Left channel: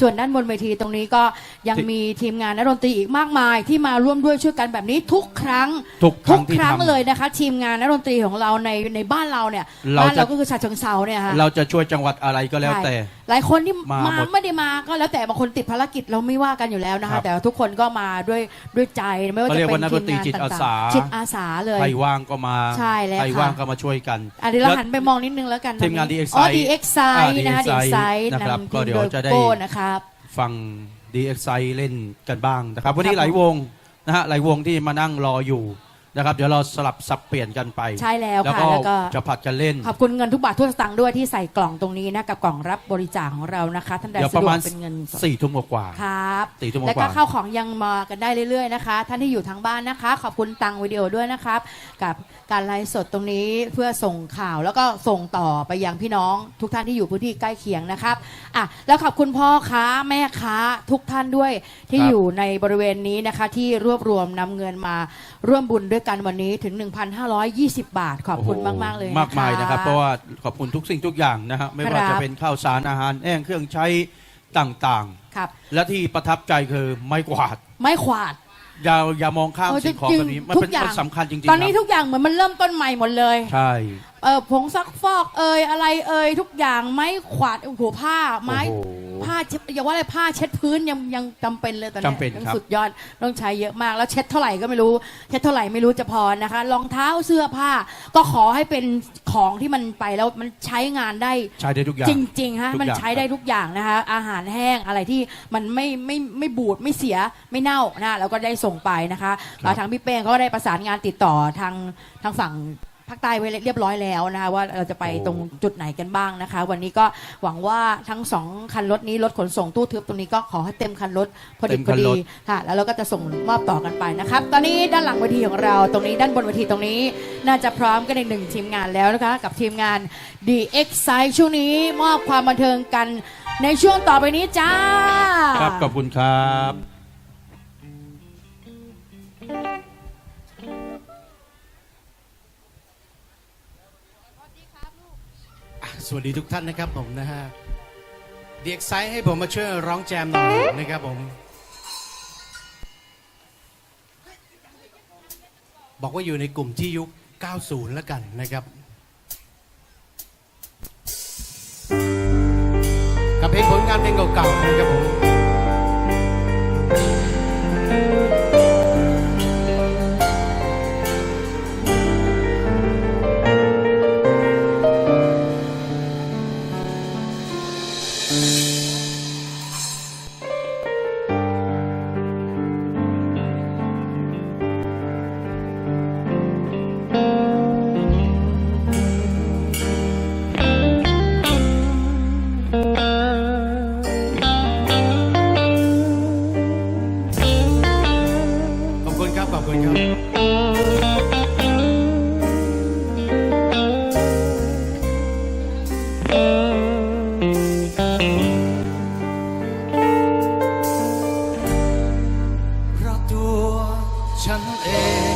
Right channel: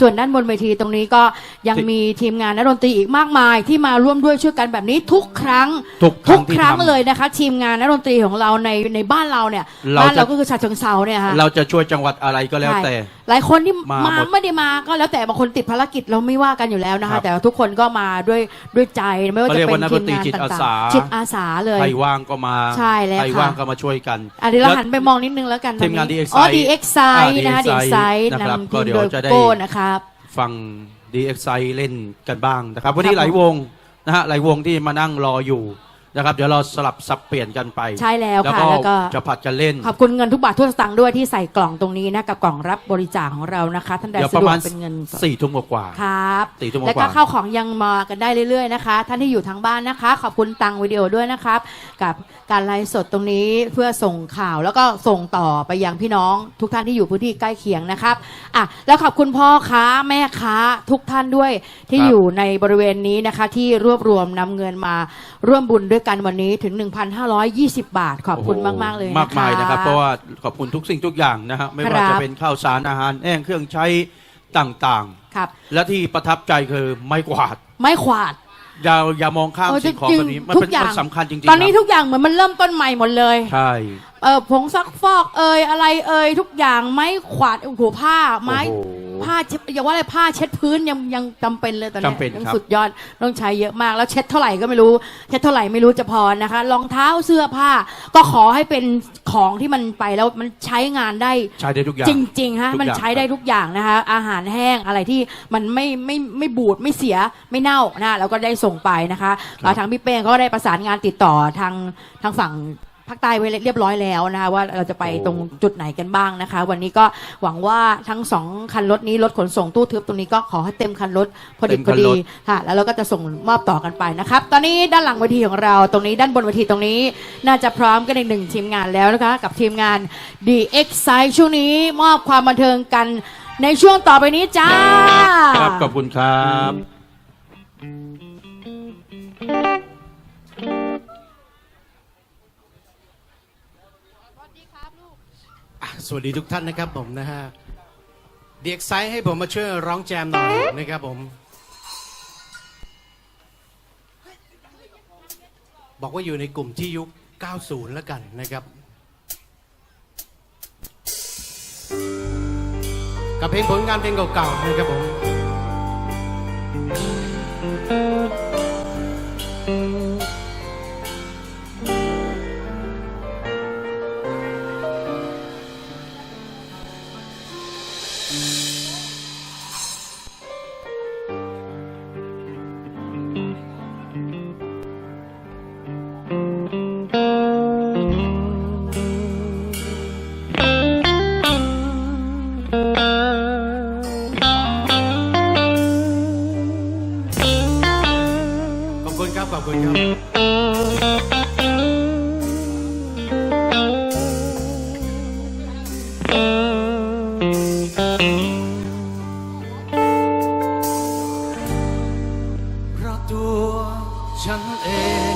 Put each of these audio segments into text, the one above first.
ส่วนด้านบนเวทีตรงนี้ก็ยังมีทีมงานนักดนตรีอีกมากมาย ที่มาร่วมด้วยช่วยกันแบบนี้ทุกครั้งทุกครั้งที่ครั้งทำ เลยนะคะ ทีมงานนักดนตรีของเราในในบ้านเราเนี่ยเราบ้านจะ เราก็คือชาเชิงเซาเนี่ยค่ะเราจะช่วยจังหวัดอะไรก็แล้วแต่ใช่ หลายคนที่มามาหมด ไม่ได้มาก็แล้วแต่บางคนติดภารกิจเราไม่ว่ากันอยู่แล้วนะครัคะ บแต่ว่าทุกคนก็มาด้วยด้วยใจไม่ว่าเขาจะเรียกเป็ว่านนักดทีนมตรีงานจิตอาต่าสางๆจิตอาสาเลย ใครว่างก็มาใช่แล้วใครค่ะว่างก็มาช่วยกัน อะเดี๋ยวเราแล้วหันไปมองนิดนึงแล้วกันทีมงานวั DXI อ๋อ DXI นะ อ่า DXI DXI นะครับนำก็ทีมเดี๋โดยวยจะได้ โก้นะครับ ฟัง DXI เล่นกันบ้างนะครับ วันคนี้รับ หลายวงนะฮะหลายวงที่มานั่งรออยู่ นะครับเดี๋ยวเราสลับสับเปลี่ยนกันไปใช่แล้วแล้วค่ะก็แล้วก็จะผัดกันเล่น ขอบคุณเงินทุกบาททุกสตางค์ด้วยที่ใส่กล่องตรงนี้นะกับกล่องรับบริจาคของเรานะคะท่านใดเดี๋ยวสะประดวมากณเป็นเงินสดสี่ทุ่มกว่าครับสี่ทุ่มกว่าแล้วก็ข้าวของยังมากันได้เรื่อยๆนะคะ ท่านที่อยู่ทางบ้านนะคะ ขอบคุณตังวิดีโอด้วยนะครับ กับการไลฟ์สดตรงนี้เพื่อส่งข่าวแล้วก็ส่งต่อไปยังพี่น้องทุกท่านที่อยู่พื้นที่ใกล้เคียงนะครับอะแล้วขอบคุณพ่อค้าแม่ค้าทุกท่านด้วยที่ครับอยู่ในบริเวณนี้นะคะ ที่รวบรวมนำเงินมาร่วมบุญด้วยกันวันนี้ถึง 1,520 บาท ขอบคุณโโหมากๆเลยนะคะมากมายนะครับ เพราะว่าขอบคุณทุกสิ่งทุกอย่างนะฮะไม่ว่าครัจะบเป็นข้าวสารอาหารแห้งเครื่องใช้ต่างครับๆและที่ประทับใจคือไม้กวาด ไม้ขวาด อย่าอย่ามองข้ามเออสิ่งของจริงๆแบบนี้ มันทุเป็นกอย่างมันสำคัญจริงๆตอนนี้ครับทุกอย่างเหมือนมันเริ่มต้นใหม่หมดเลย ใช่ เออผงซักฟอกเอยอะไรเอยทุกอย่างไม้ขวาดโอ้โหผ้าไม้ โอ้โหผ้าเช็ดอย่าว่าอะไรผ้าเช็ดพื้นยังยังจำเป็นเลยตอนนี้จำเป็นยังครับ สุดยอดต้องใช้เยอะมากแล้วเช็ดเท่าไหร่ก็ไม่รู้ เช็ดเท่าไหร่ไม่รู้จะพอนะคะรองเท้าเสื้อผ้า ก็ขอให้เป็นของที่มันไปแล้วมันใช้งานได้ ใช้ได้ทุกอย่างจริงๆฮะทุกมันอย่างใช้ได้ทุกอย่างนะคะอาหารแห้งอะไรที่มันไม่ไม่ไม่บูดไม่เสียไม่เน่านะเราก็ได้ส่งไปนะคะแล้วทางพี่เป้งก็ได้ประสานงานติดต่อทางทางฝั่ง ภาคใต้ไว้เรียบร้อยแล้วนะคะว่าเราจะไปตรงจุดไหนกันบ้างนะคะ วันนี้ก็หวังว่าทั้งสองคันรถนี้รถขนส่งตู้ทึบตรงนี้ก็ขอให้เต็มคันรถพอดีเต็มพคัอนดีรถค่ะ แล้วเราก็จะส่งมอบต่อกันไปนะครับ ตอนนี้ด้านหลังเวทีของเราตรงนี้ด้านบนเวทีตรงนี้ น่าจะพร้อมกันอีกหนึ่งทีมงานแล้วนะคะ กับทีมงาน The X Side ช่วงนี้มอบความบันเทิงกันในช่วงต่อไปนี้จ้า ครับขอบคุณครับ สวัสดีทุกท่านนะครับผมนะฮะเดียกไซให้ผมมาช่วยร้องแจมหน่อยนะครับผม บอกว่าอยู่ในกลุ่มที่ยุค 90 แล้วกันนะครับกับเพลงผลงานเพลงเก่าๆนะครับผม ฉัน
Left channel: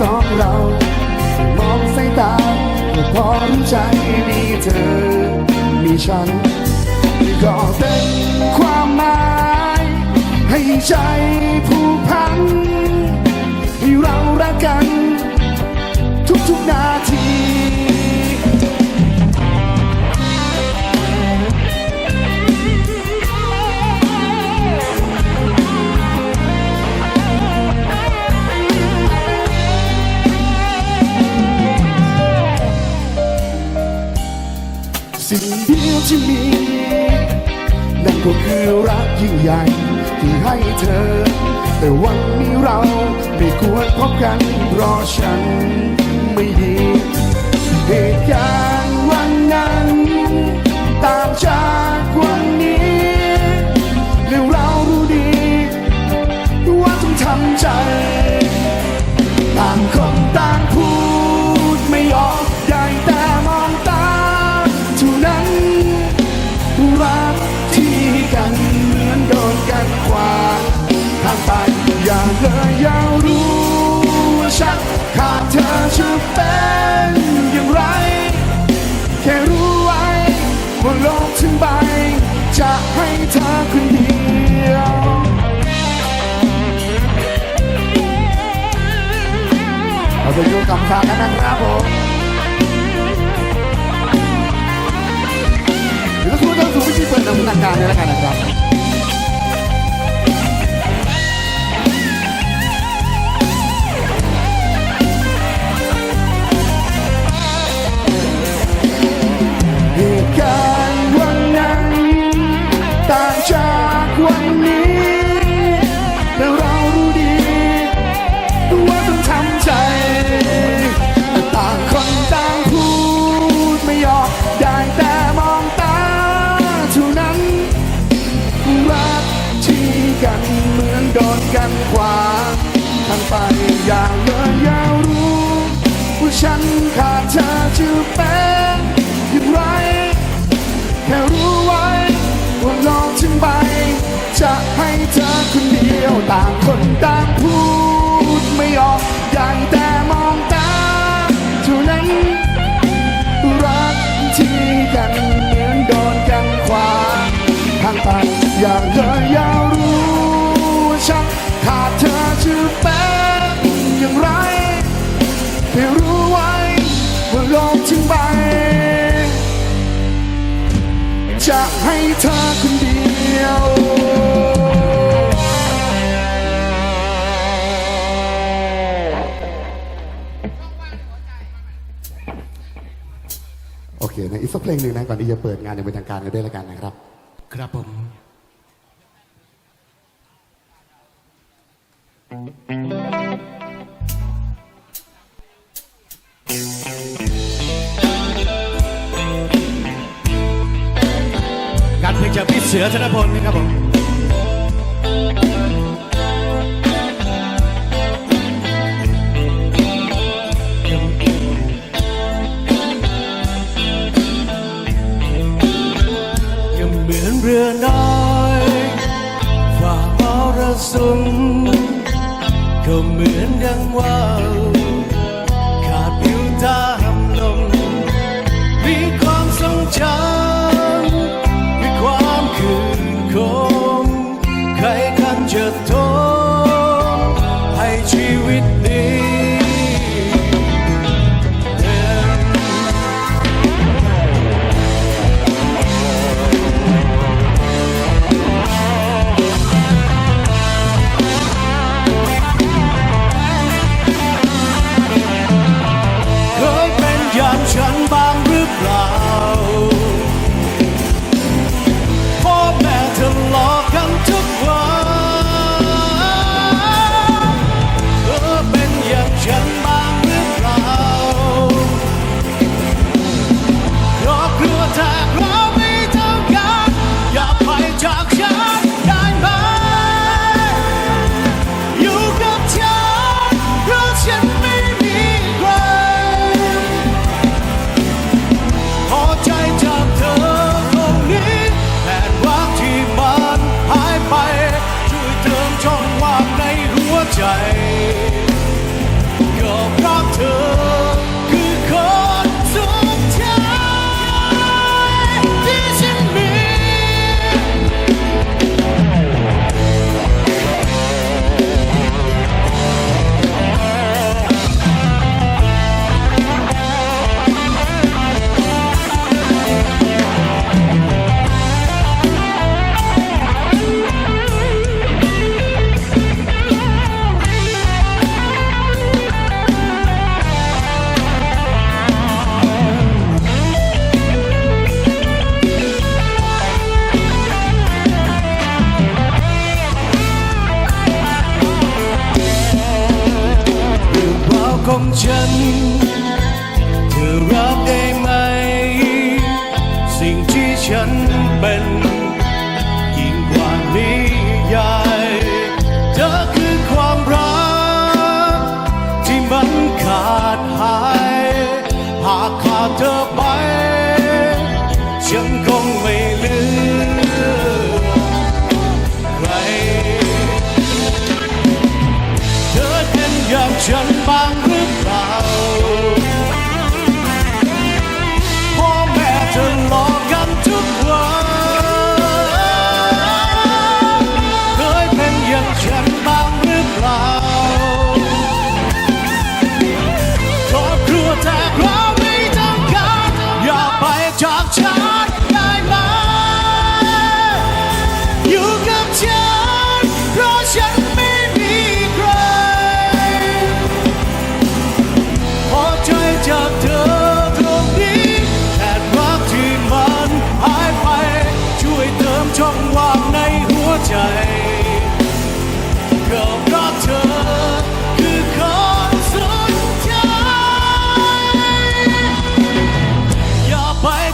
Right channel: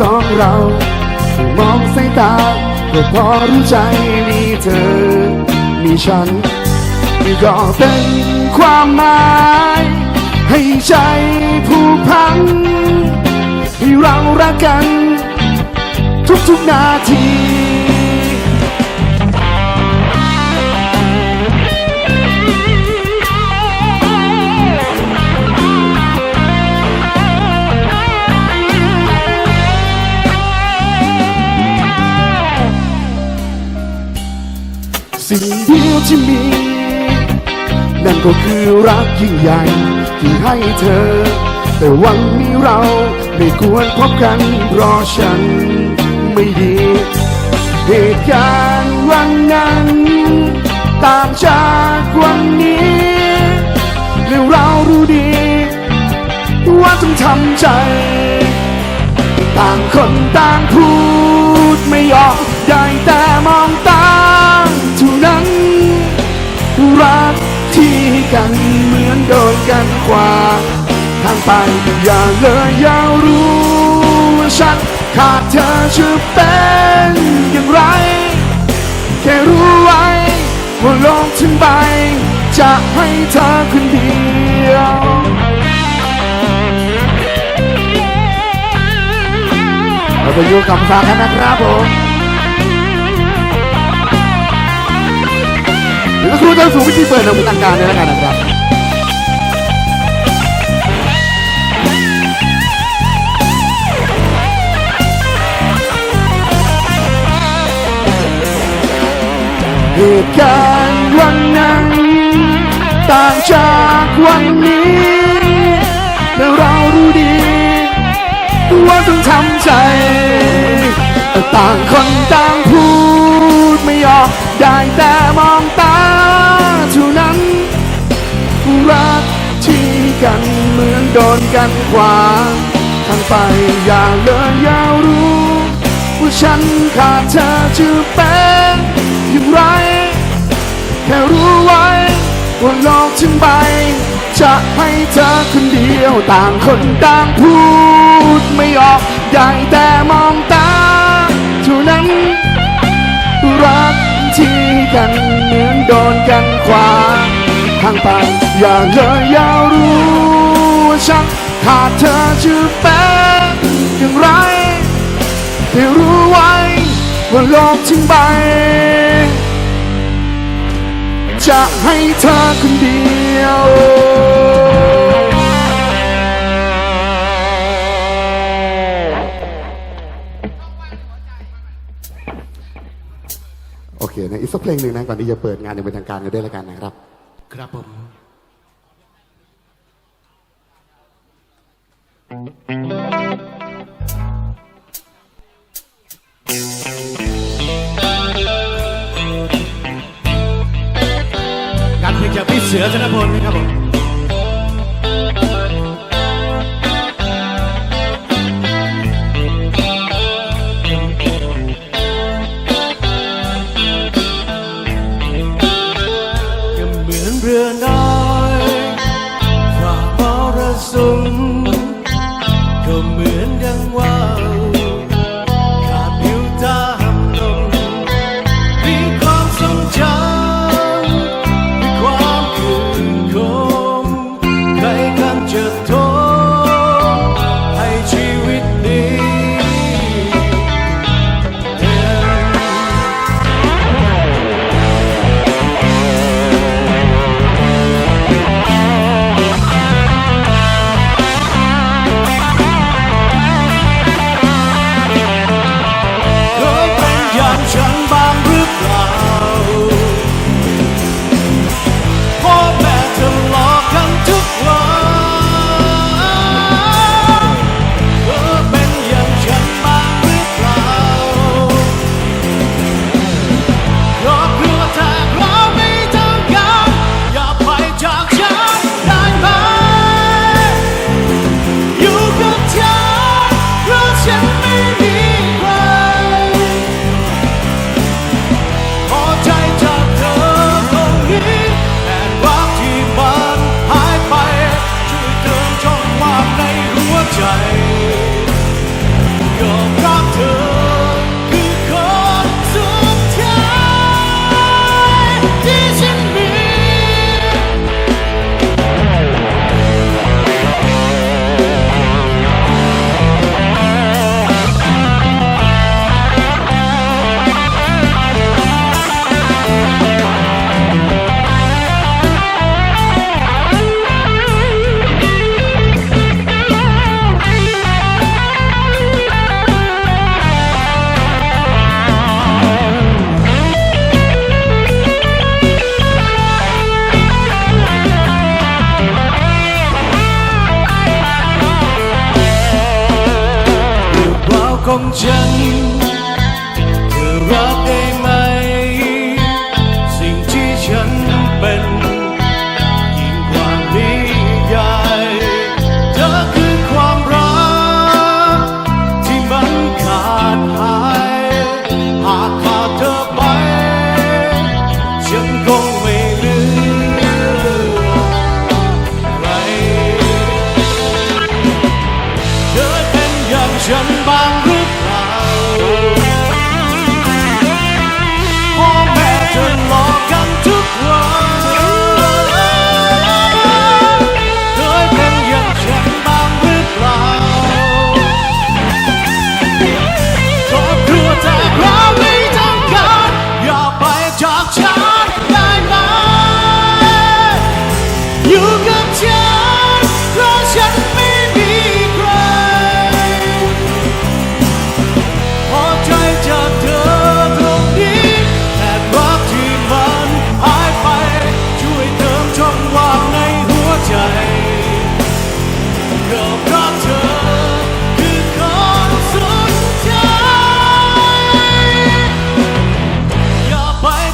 สองเรามองสายตาก็พอรู้ใจมีเธอ มีฉันมีก็เป็นความหมายให้ใจผูกพันให้เรารักกัน ทุกๆนาที ที่มี นั่นก็คือรักยิ่งใหญ่ที่ให้เธอ แต่วันนี้เราไม่ควรพบกันเพราะฉันไม่ดีเหตุการณ์วันนั้นต่างจากวันนี้และเรารู้ดี ว่าต้องทำใจ ต่างคนต่างพูด จะเป็นอย่างไร แค่รู้ไว้ว่าโลกทั้งใบ จะให้เธอคนเดียวเราจะอยู่กับฟังกันนะครับผมเดี๋ยวครูจะสู่วิธีเปิดดำเนินการเนี่แล้วกันนะครับ เหตุการณ์วันนั้น ต่างจากวันนี้เรารู้ดีว่าต้องทำใจ ต่างคนต่างพูดไม่ออกได้แต่มองตาเท่านั้น รักที่กันเหมือนโดนกันขวาทางไปอย่าเลิกยาวรู้ ว่าฉันขาดเธอจะเป็น ไรแค่รู้ไว้ว่าน้องฉันไปจะให้เธอคนเดียวต่างคนต่างพูดไม่ออกอย่างแต่มองตาเท่านั้นรักที่กันเหมือนโดนกันขวาทางไปอย่าเลยอย่ารู้ว่าฉันขาดเธอชื่อเป็นไรให้รู้ไว้ว่าโลกทั้งใบ จะให้เธอคนเดียวโอเคนะอีกสักเพลงหนึ่งนะก่อนที่จะเปิดงานอย่างเป็นทางการกันด้วยละกันนะครับ ครับผม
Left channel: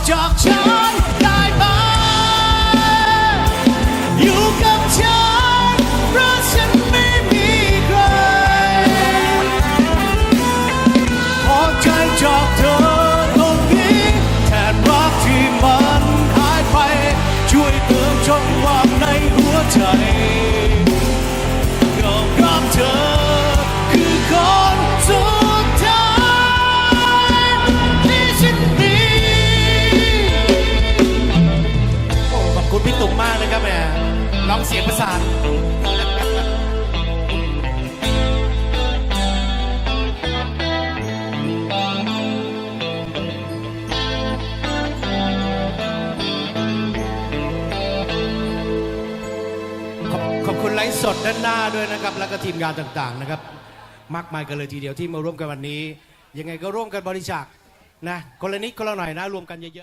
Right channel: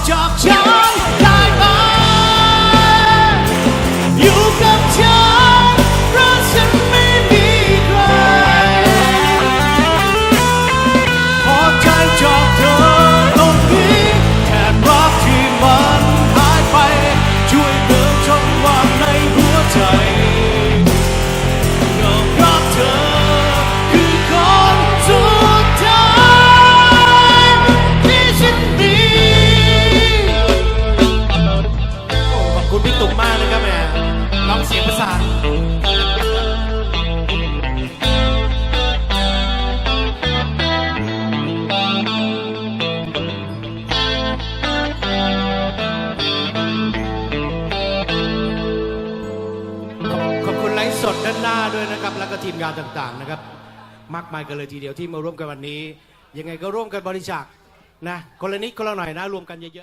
Talk, talk. ต่างๆนะครับ มากมายกันเลยทีเดียวที่มาร่วมกันวันนี้ ยังไงก็ร่วมกันบริจาคนะคนละนิดคนละหน่อยนะรวมกันเยอะๆ